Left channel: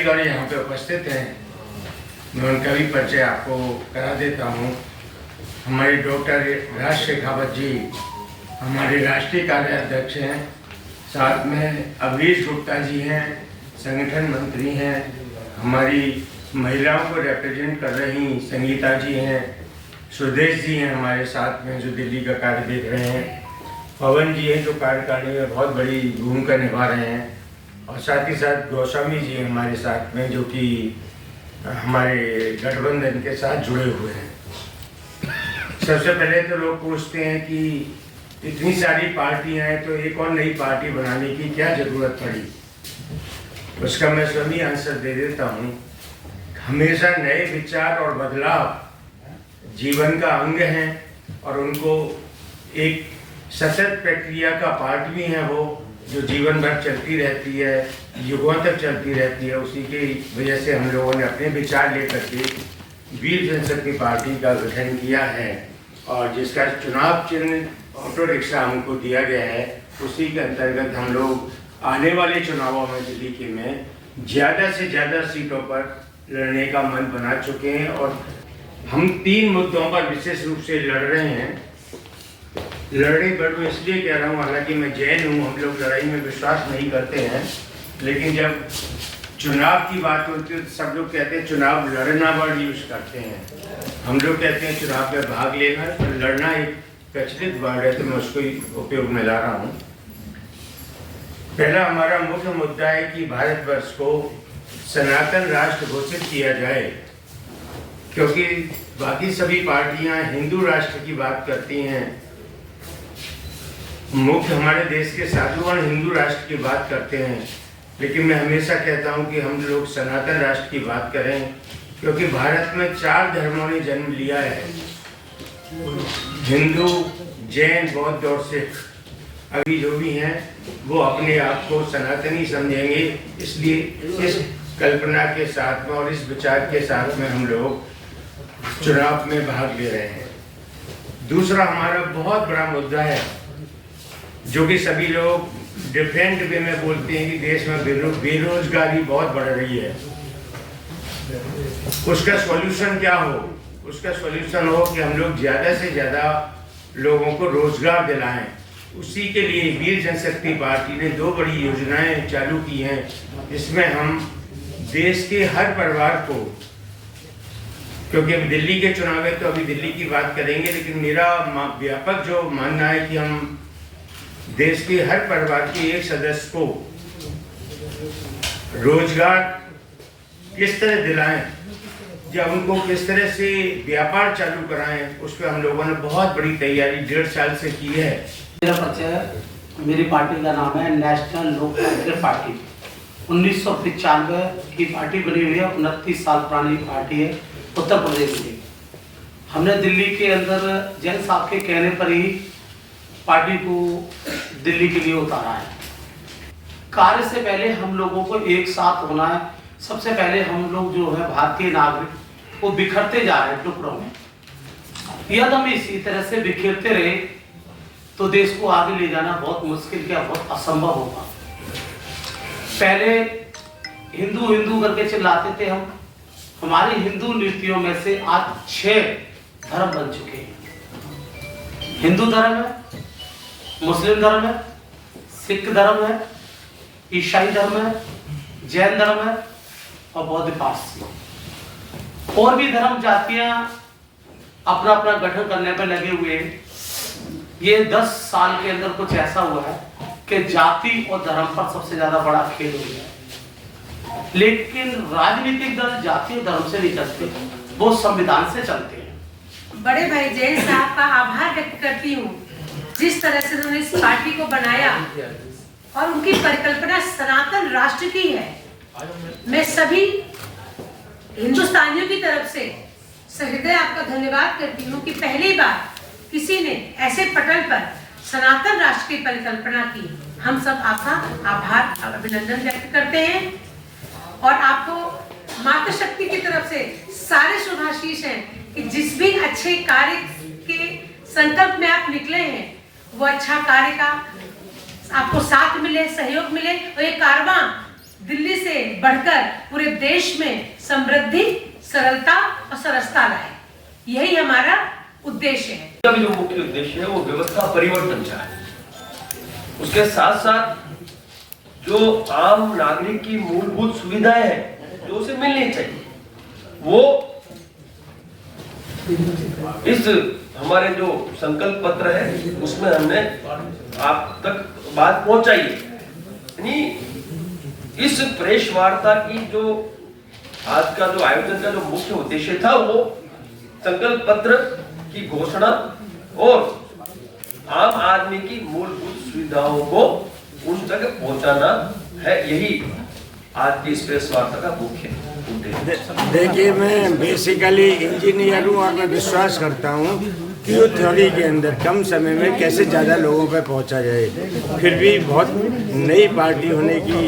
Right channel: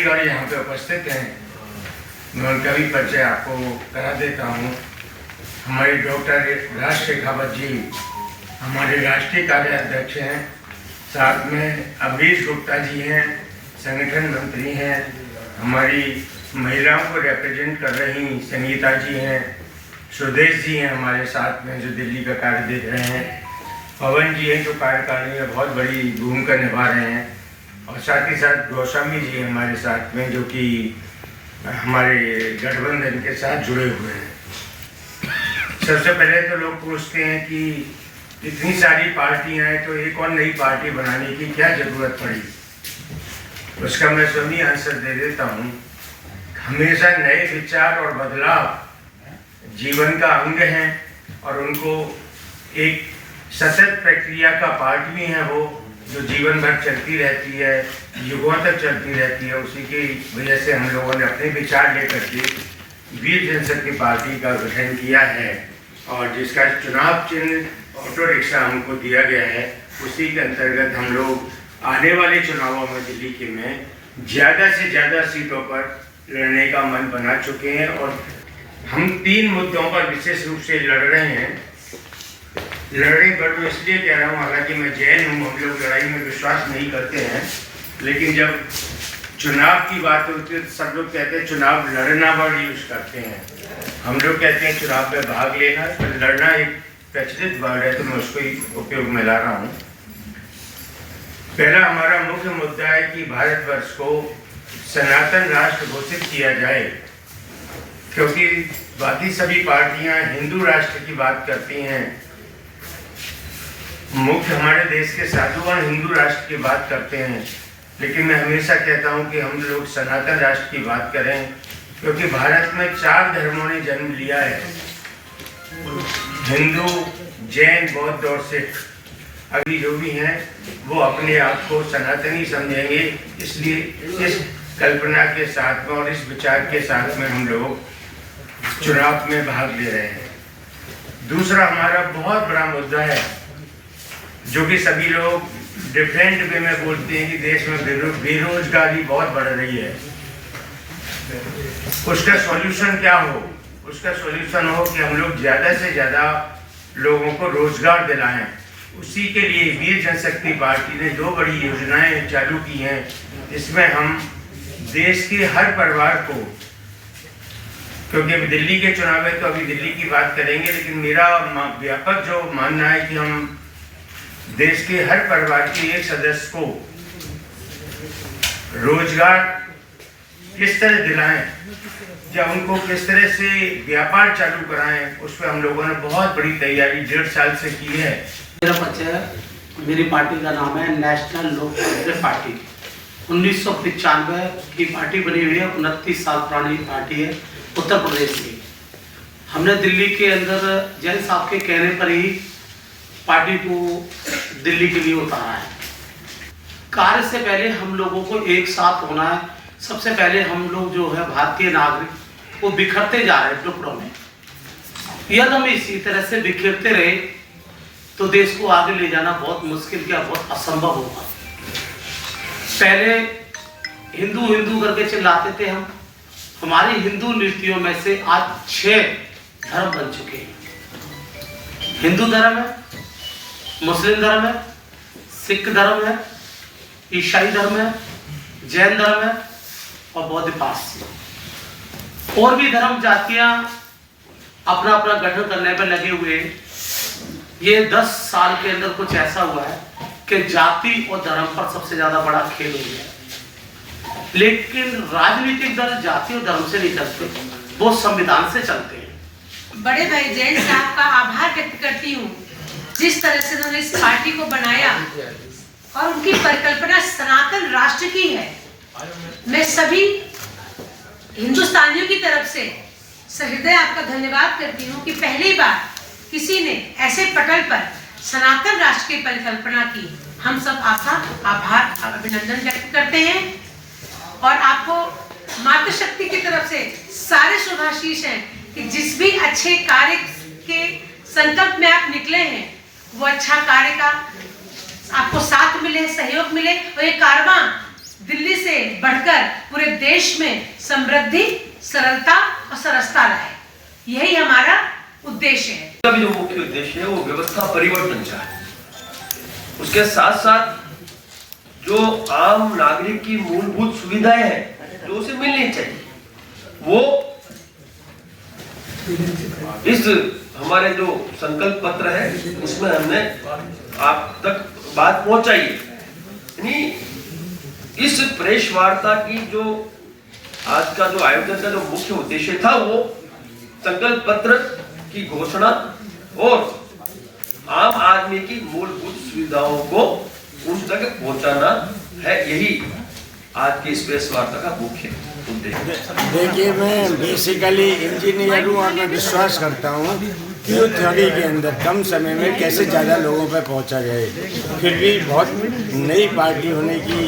पदाधिकारी यहाँ पे उपस्थित हैं, मैं उनका भी परिचय आपको करा देता हूँ। हमारे डॉक्टर राज शेखावत जी हमारे राष्ट्रीय कार्याध्यक्ष हैं, साथ में अवनीश गुप्ता जी हैं, संगठन मंत्री हैं, हमारी महिलाओं को रिप्रेजेंट कर रही संगीता जी हैं, सुदेश जी हैं हमारे साथ में जो दिल्ली का कार्य देख रहे हैं, पवन जी हैं जो कार्यकारिणी में बहुत बड़ी भूमिका निभा रहे हैं, और साथ ही साथ गोस्वामी जी हमारे साथ में जो कि हमारे गठबंधन के साथ जुड़े हुए हैं। सबसे पहले तो लोग पूछते हैं कि इतनी सारी पार्टियां हैं तो एक और नई पार्टी बनाने की क्या जरूरत पड़ी। उसका मैं स्वयं आंसर दे देता हूँ। हमेशा नए विचार और बदलाव जीवन का अंग हैं और उनको एक सतत प्रक्रिया का पार्ट भी है, वो जो जीवन भर चलती रहती है, युगों तक चलती रहती है। उसी की वजह से हम लोगों ने अपने विचार लेकर के वीर जनशक्ति पार्टी का गठन किया है, और जिसका चुनाव चिन्ह ऑटो रिक्शा हमको दिया गया है। उसी के अंतर्गत हम लोग आने वाले चुनावों में दिल्ली के में ज़्यादा से ज़्यादा सीटों पर लड़ने का मन बना चुके हैं, और हम 3 मुद्दों पर विशेष रूप से लड़ रहे हैं। लड़ाई बड़ू इसलिए कह रहा हूँ, हालांकि मैं जैन हूँ, हम लोग लड़ाई में विश्वास नहीं करते हैं, लेकिन जब चुनाव की बात होती है तो सब लोग कहते हैं चुनाव लड़ना वर्ड यूज करते हैं। हम लोग कहते हैं चुनाव में भाग लेना, तो लड़ना एक प्रचलित वर्ड है, तो मैं उसको ही उपयोग में ला रहा हूँ। पहला हमारा मुख्य मुद्दा है कि भारतवर्ष को सनातन राष्ट्र घोषित किया जाए, क्योंकि बाकी सभी पार्टियां हिंदू राष्ट्र की बात करती हैं। मुख्य हमारे देश के साधुवान हिंदू राष्ट्र की बात करते हैं, लेकिन मैं हमेशा कहता हूं कि हम लोग सनातन राष्ट्र की बात करें, क्योंकि भारत में 4 धर्मों ने जन्म लिया है, हिंदू, जैन, बौद्ध और सिख। अभी जो भी हैं वो अपने आप को सनातनी समझेंगे, इसलिए इस कल्पना के साथ में और इस विचार के साथ में हम लोग चुनाव में भाग ले रहे हैं। दूसरा हमारा बहुत बड़ा मुद्दा है, जो कि सभी लोग डिफरेंट वे में बोलते हैं कि देश में बेरोजगारी बहुत बढ़ रही है। उसका सॉल्यूशन क्या हो? उसका सॉल्यूशन हो कि हम लोग ज़्यादा से ज़्यादा लोगों को रोजगार दिलाएं। उसी के लिए वीर जनशक्ति पार्टी ने 2 बड़ी योजनाएं चालू की हैं, जिसमें हम देश के हर परिवार को, क्योंकि अभी दिल्ली के चुनाव है तो अभी दिल्ली की बात करेंगे, लेकिन मेरा व्यापक जो मानना है कि हम देश के हर परिवार के एक सदस्य को रोजगार किस तरह दिलाएं या उनको किस तरह से व्यापार चालू कराएं, उस पर हम लोगों ने बहुत बड़ी तैयारी 1.5 साल से की है। मेरा परिचय, मेरी पार्टी का नाम है नेशनल लोक तांत्रिक पार्टी। 1995 की पार्टी बनी हुई है, 29 साल पुरानी पार्टी है, उत्तर प्रदेश की। हमने दिल्ली के अंदर जैन साहब के कहने पर ही पार्टी को दिल्ली के लिए उतारा है। कार्य से पहले हम लोगों को एक साथ होना है। सबसे पहले हम लोग जो है भारतीय नागरिक वो बिखरते जा रहे हैं टुकड़ों में। यदि हम इसी तरह से बिखरते रहे तो देश को आगे ले जाना बहुत मुश्किल, क्या बहुत असंभव होगा। पहले हिंदू हिंदू करके चिल्लाते थे हम। हमारी हिंदू नीतियों में से आज 6 धर्म बन चुके हैं। हिंदू धर्म है, मुस्लिम धर्म है, सिख धर्म है, ईसाई धर्म है, जैन धर्म है और बौद्ध पारसी। और भी धर्म जातियां अपना अपना गठन करने पर लगे हुए हैं। ये 10 साल के अंदर कुछ ऐसा हुआ है कि जाति और धर्म पर सबसे ज्यादा बड़ा खेल हो गया है। लेकिन राजनीतिक दल जाति और धर्म से नहीं चलते, वो संविधान से चलते हैं। बड़े भाई जैन साहब का आभार व्यक्त करती हूँ, जिस तरह से उन्होंने इस पार्टी को बनाया और उनकी परिकल्पना सनातन राष्ट्र की है। मैं सभी हिंदुस्तानियों की तरफ से सहृदय आपका धन्यवाद करती हूँ कि पहली बार किसी ने ऐसे पटल पर सनातन राष्ट्र की परिकल्पना की। हम सब आपका आभार अभिनंदन व्यक्त करते हैं और आपको मातृशक्ति की तरफ से सारे शुभाशीष हैं कि जिस भी अच्छे कार्य के संकल्प में आप निकले हैं वो अच्छा कार्य का आपको साथ मिले, सहयोग मिले और ये कारवां दिल्ली से बढ़कर पूरे देश में समृद्धि, सरलता और सरसता लाए। यही हमारा उद्देश्य है। इसका भी जो मुख्य उद्देश्य है वो व्यवस्था परिवर्तन का है। उसके साथ साथ जो आम नागरिक की मूलभूत सुविधाएं हैं जो उसे मिलनी चाहिए, वो इस हमारे जो संकल्प पत्र है उसमें हमने आप तक बात पहुंचाई है। यानी इस प्रेस वार्ता की जो आज का जो आयोजन का जो मुख्य उद्देश्य था वो संकल्प पत्र की घोषणा और आम आदमी की मूलभूत सुविधाओं को उन तक पहुंचाना है। यही आज की इस प्रेस वार्ता का मुख्य उद्देश्य। देखिए, मैं बेसिकली इंजीनियर हूँ और मैं विश्वास करता हूँ कि वो थ्योरी के अंदर कम समय में कैसे ज़्यादा लोगों पर पहुँचा जाए। फिर भी बहुत नई पार्टी होने की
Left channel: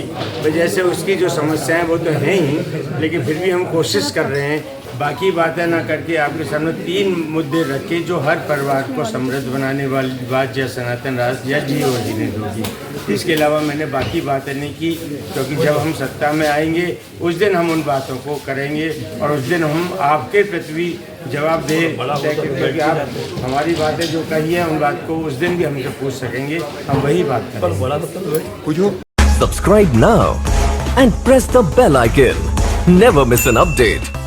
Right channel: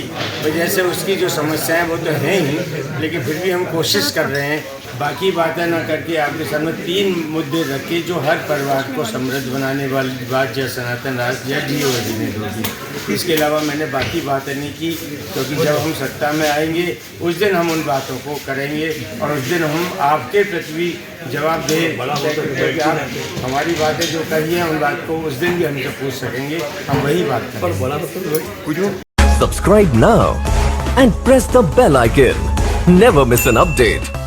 वजह से उसकी जो समस्याएं वो तो हैं ही, लेकिन फिर भी हम कोशिश कर रहे हैं। बाकी बातें ना करके आपके सामने 3 मुद्दे रखे जो हर परिवार को समृद्ध बनाने वाली बात, या सनातन राष्ट्र या जियो राजनीति होगी। इसके अलावा मैंने बाकी बातें नहीं की, क्योंकि जब हम सत्ता में आएंगे उस दिन हम उन बातों को करेंगे और उस दिन हम आपके प्रति भी जवाब दें, क्योंकि आप हमारी बातें जो कही हैं उन बात को उस दिन भी हमसे पूछ सकेंगे, हम वही बात करेंगे। Subscribe now and press the bell icon. Never miss an update.